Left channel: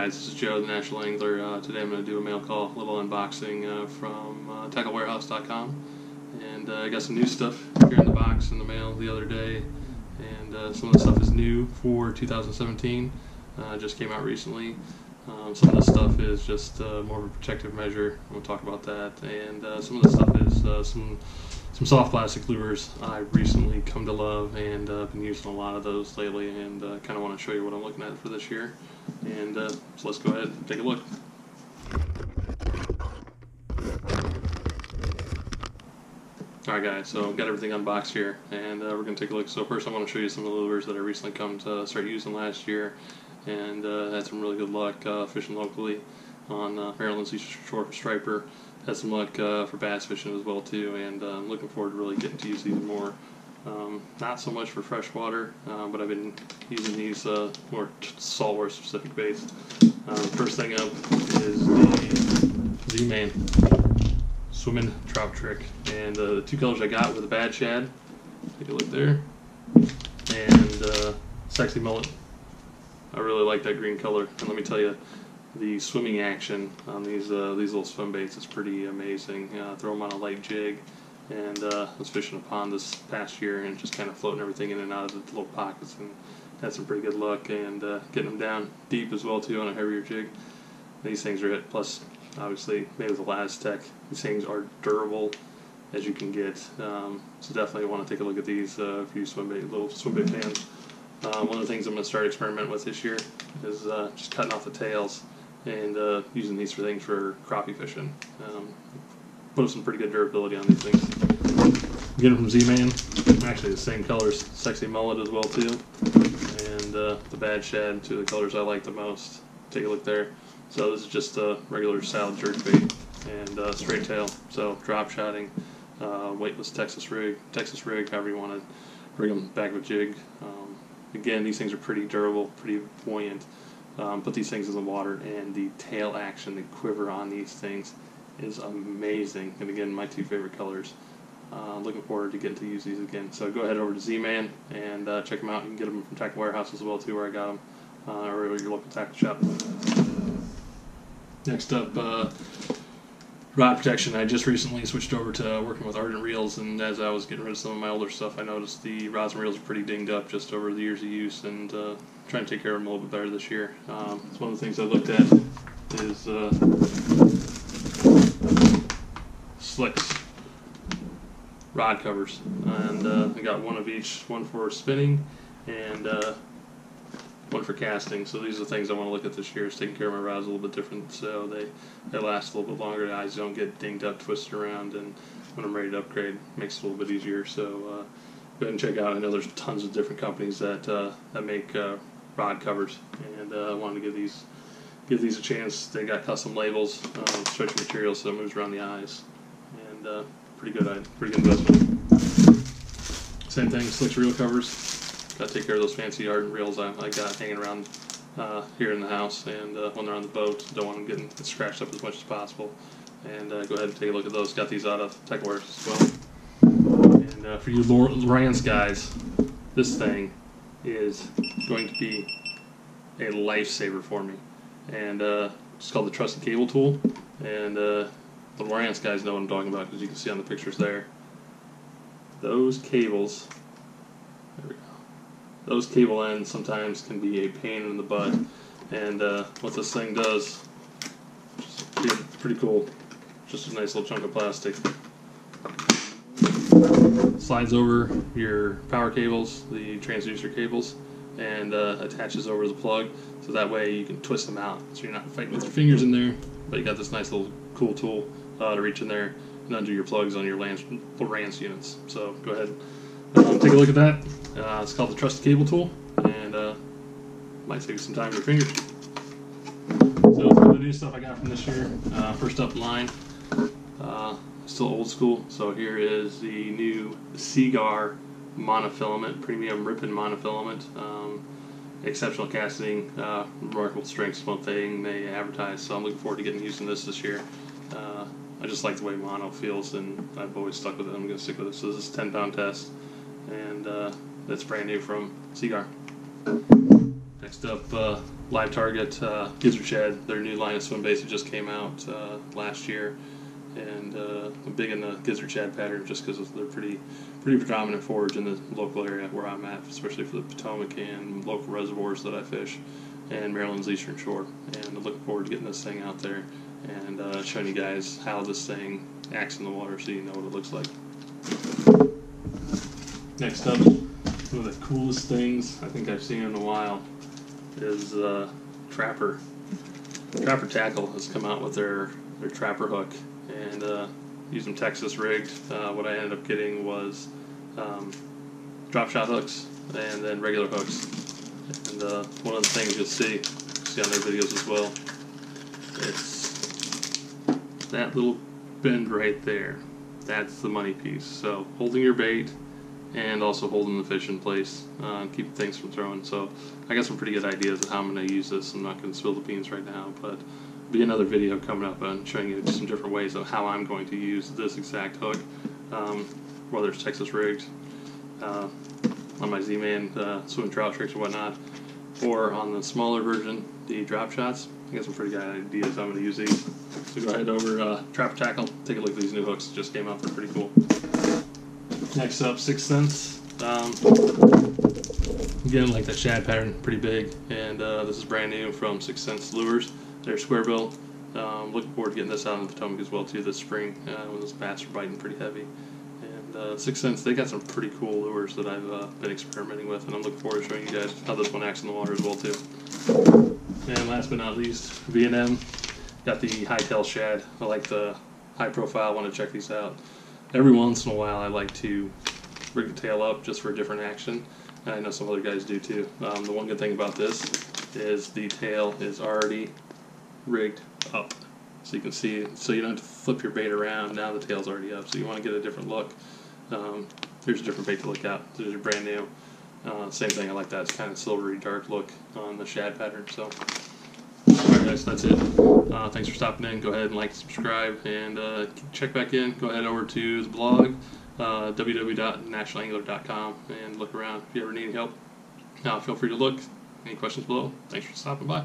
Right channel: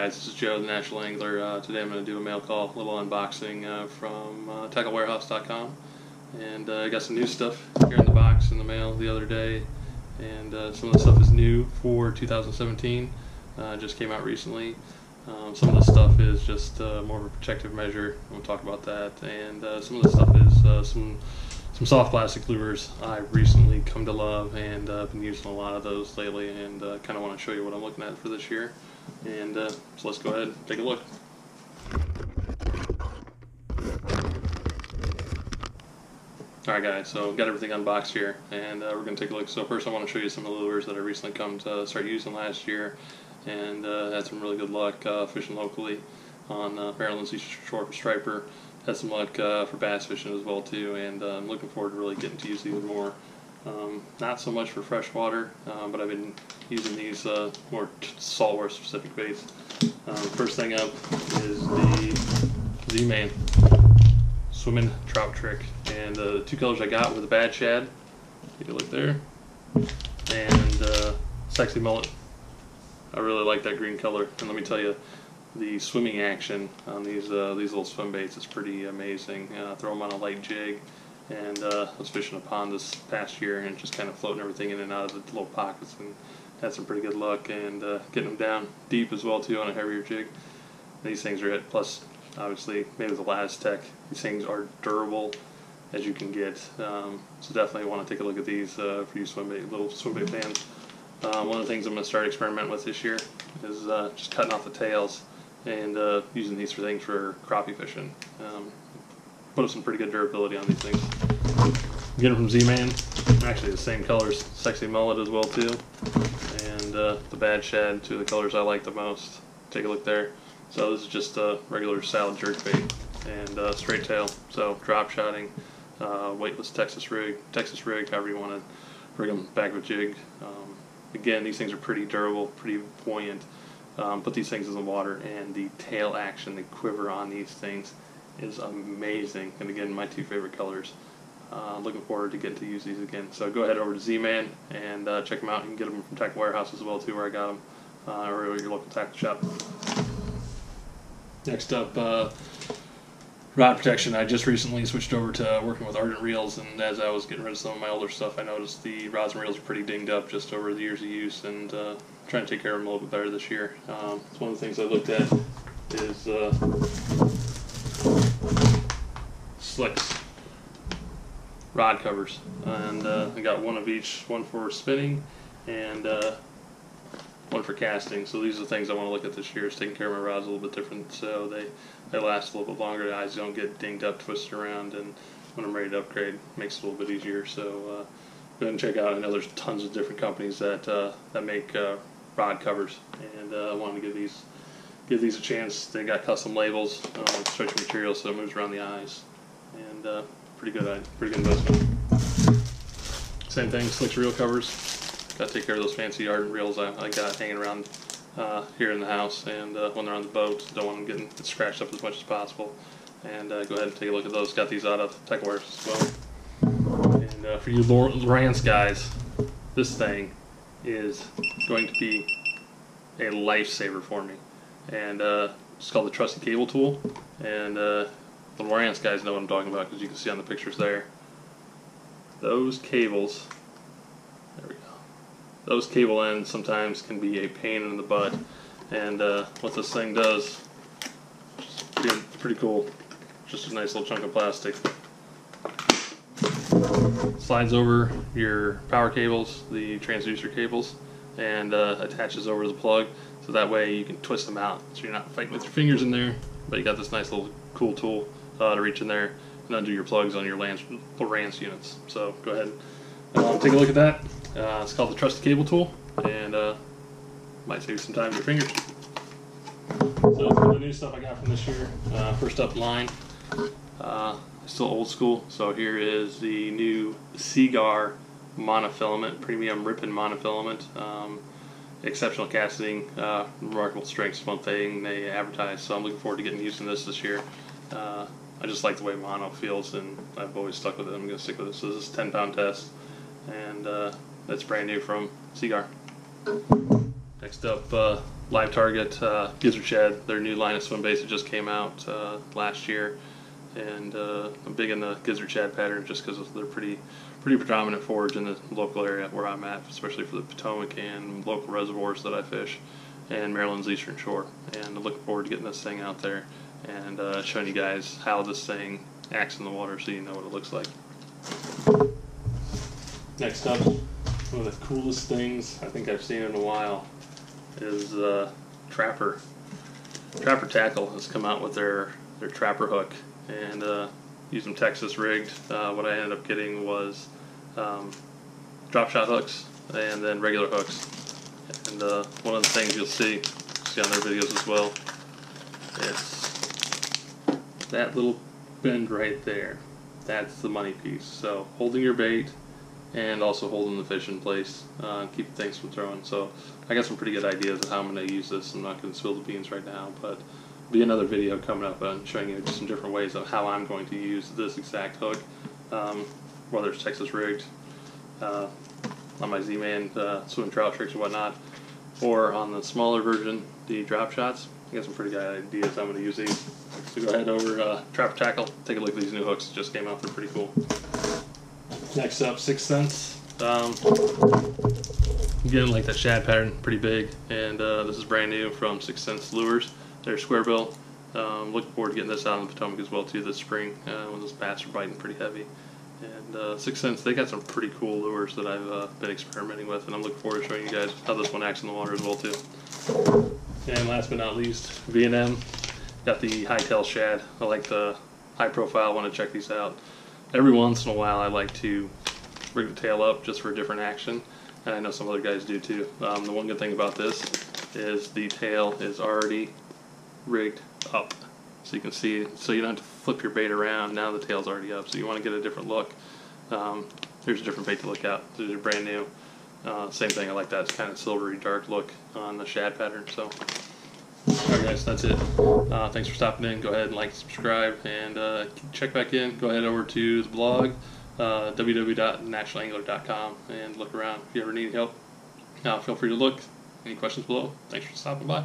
guys, this is Joe, the National Angler. Today I'm going to do a mail call, a little unboxing from TackleWarehouse.com. And I got some new stuff here in the box in the mail the other day. And some of the stuff is new for 2017. Just came out recently. Some of the stuff is just more of a protective measure. We'll talk about that. And some of the stuff is some soft plastic lures I've recently come to love, and I've been using a lot of those lately, and kind of want to show you what I'm looking at for this year. And so let's go ahead and take a look. Alright guys, so I've got everything unboxed here, and we're going to take a look. So first I want to show you some of the lures that I recently come to start using last year, and had some really good luck fishing locally on Maryland's Eastern Shore for striper. Had some luck for bass fishing as well too, and I'm looking forward to really getting to use these more. Not so much for freshwater, but I've been using these more saltwater specific baits. First thing up is the Z-Man Swimming Trout Trick, and the two colors I got were the Bad Shad, take a look there, and Sexy Mullet. I really like that green color, and let me tell you, the swimming action on these little swim baits is pretty amazing. Throw them on a light jig, and I was fishing a pond this past year and just kind of floating everything in and out of the little pockets, and had some pretty good luck, and getting them down deep as well too on a heavier jig. These things are it. Plus, obviously, made with the Laz-Tech. These things are durable as you can get. So definitely want to take a look at these for you little swim bait fans. One of the things I'm going to start experimenting with this year is just cutting off the tails and using these for things for crappie fishing. Put up some pretty good durability on these things. Get them from Z-Man. Actually the same colors. Sexy Mullet as well too. And the Bad Shad, two of the colors I like the most. Take a look there. So this is just a regular salad jerkbait and straight tail. So drop shotting, weightless Texas rig, however you want to rig them back with jig. Again, these things are pretty durable, pretty buoyant. Put these things in the water, and the tail action, the quiver on these things is amazing. And again, my two favorite colors. Looking forward to getting to use these again. So go ahead over to Z-Man and check them out. You can get them from Tackle Warehouse as well too, where I got them, or your local tackle shop. Next up, rod protection. I just recently switched over to working with Ardent Reels, and as I was getting rid of some of my older stuff, I noticed the rods and reels are pretty dinged up just over the years of use, and trying to take care of them a little bit better this year. It's one of the things I looked at is Slicks rod covers, and I got one of each, one for spinning and one for casting. So these are the things I want to look at this year, is taking care of my rods a little bit different so they last a little bit longer, the eyes don't get dinged up, twisted around, and when I'm ready to upgrade, it makes it a little bit easier. So go ahead and check out. I know there's tons of different companies that make rod covers, and I wanted to give these a chance. They got custom labels, stretch material so it moves around the eyes, and pretty good investment. Same thing, Slicks reel covers. Got to take care of those fancy Ardent Reels I got hanging around here in the house, and when they're on the boat, don't want them getting scratched up as much as possible. And go ahead and take a look at those. Got these out of Tackle Warehouse as well. And for you Lowrance guys, this thing is going to be a lifesaver for me. And it's called the Trusty Cable Tool. And the Lowrance guys know what I'm talking about, because you can see on the pictures there. Those cables, there we go. Those cable ends sometimes can be a pain in the butt, and what this thing does, it's pretty cool. Just a nice little chunk of plastic. Slides over your power cables, the transducer cables, and attaches over to the plug, so that way you can twist them out, so you're not fighting with your fingers in there, but you got this nice little cool tool to reach in there and undo your plugs on your Lowrance units. So go ahead. Take a look at that. It's called the Trusty Cable Tool, and might save you some time with your fingers. So some of the new stuff I got from this year. First up in line, still old school. So here is the new Seaguar monofilament, premium Ripon monofilament. Exceptional casting, remarkable strength is one thing they advertise. So I'm looking forward to getting used to this year. I just like the way mono feels, and I've always stuck with it. I'm going to stick with it. So this is a 10-pound test, and that's brand new from Seaguar. Next up, Live Target Gizzard Shad, their new line of swim baits that just came out last year, and I'm big in the Gizzard Shad pattern just because they're pretty predominant forage in the local area where I'm at, especially for the Potomac and local reservoirs that I fish, and Maryland's Eastern Shore. And I'm looking forward to getting this thing out there and showing you guys how this thing acts in the water so you know what it looks like. Next up, one of the coolest things I think I've seen in a while is Trapper. Trapper Tackle has come out with their Trapper hook, and use them Texas rigged. What I ended up getting was drop shot hooks and then regular hooks. And one of the things you'll see on their videos as well, it's that little bend right there. That's the money piece. So holding your bait and also holding the fish in place, keep things from throwing. So I got some pretty good ideas of how I'm going to use this. I'm not going to spill the beans right now, but there'll be another video coming up on showing you just some different ways of how I'm going to use this exact hook, whether it's Texas rigged, on my Z-Man swimming trout tricks or whatnot, or on the smaller version, the drop shots. I got some pretty good ideas how I'm going to use these. So go ahead over Trapper Tackle, take a look at these new hooks. Just came out, they're pretty cool. Next up, 6th Sense. Again, like that shad pattern, pretty big, and this is brand new from 6th Sense Lures. They're square bill. Looking forward to getting this out in the Potomac as well too this spring when those bass are biting pretty heavy. And 6th Sense, they got some pretty cool lures that I've been experimenting with, and I'm looking forward to showing you guys how this one acts in the water as well too. And last but not least, V&M. Got the Hightail Shad. I like the high profile, want to check these out. Every once in a while I like to rig the tail up just for a different action, and I know some other guys do too. The one good thing about this is the tail is already rigged up, so you can see, so you don't have to flip your bait around. Now the tail's already up, so you want to get a different look. Here's a different bait to look at. These are brand new. Same thing, I like that. It's kind of silvery dark look on the shad pattern. So alright guys, that's it. Thanks for stopping in. Go ahead and like, subscribe, and check back in. Go ahead over to the blog, www.nationalangler.com, and look around if you ever need any help. Feel free to look. Any questions below? Thanks for stopping by.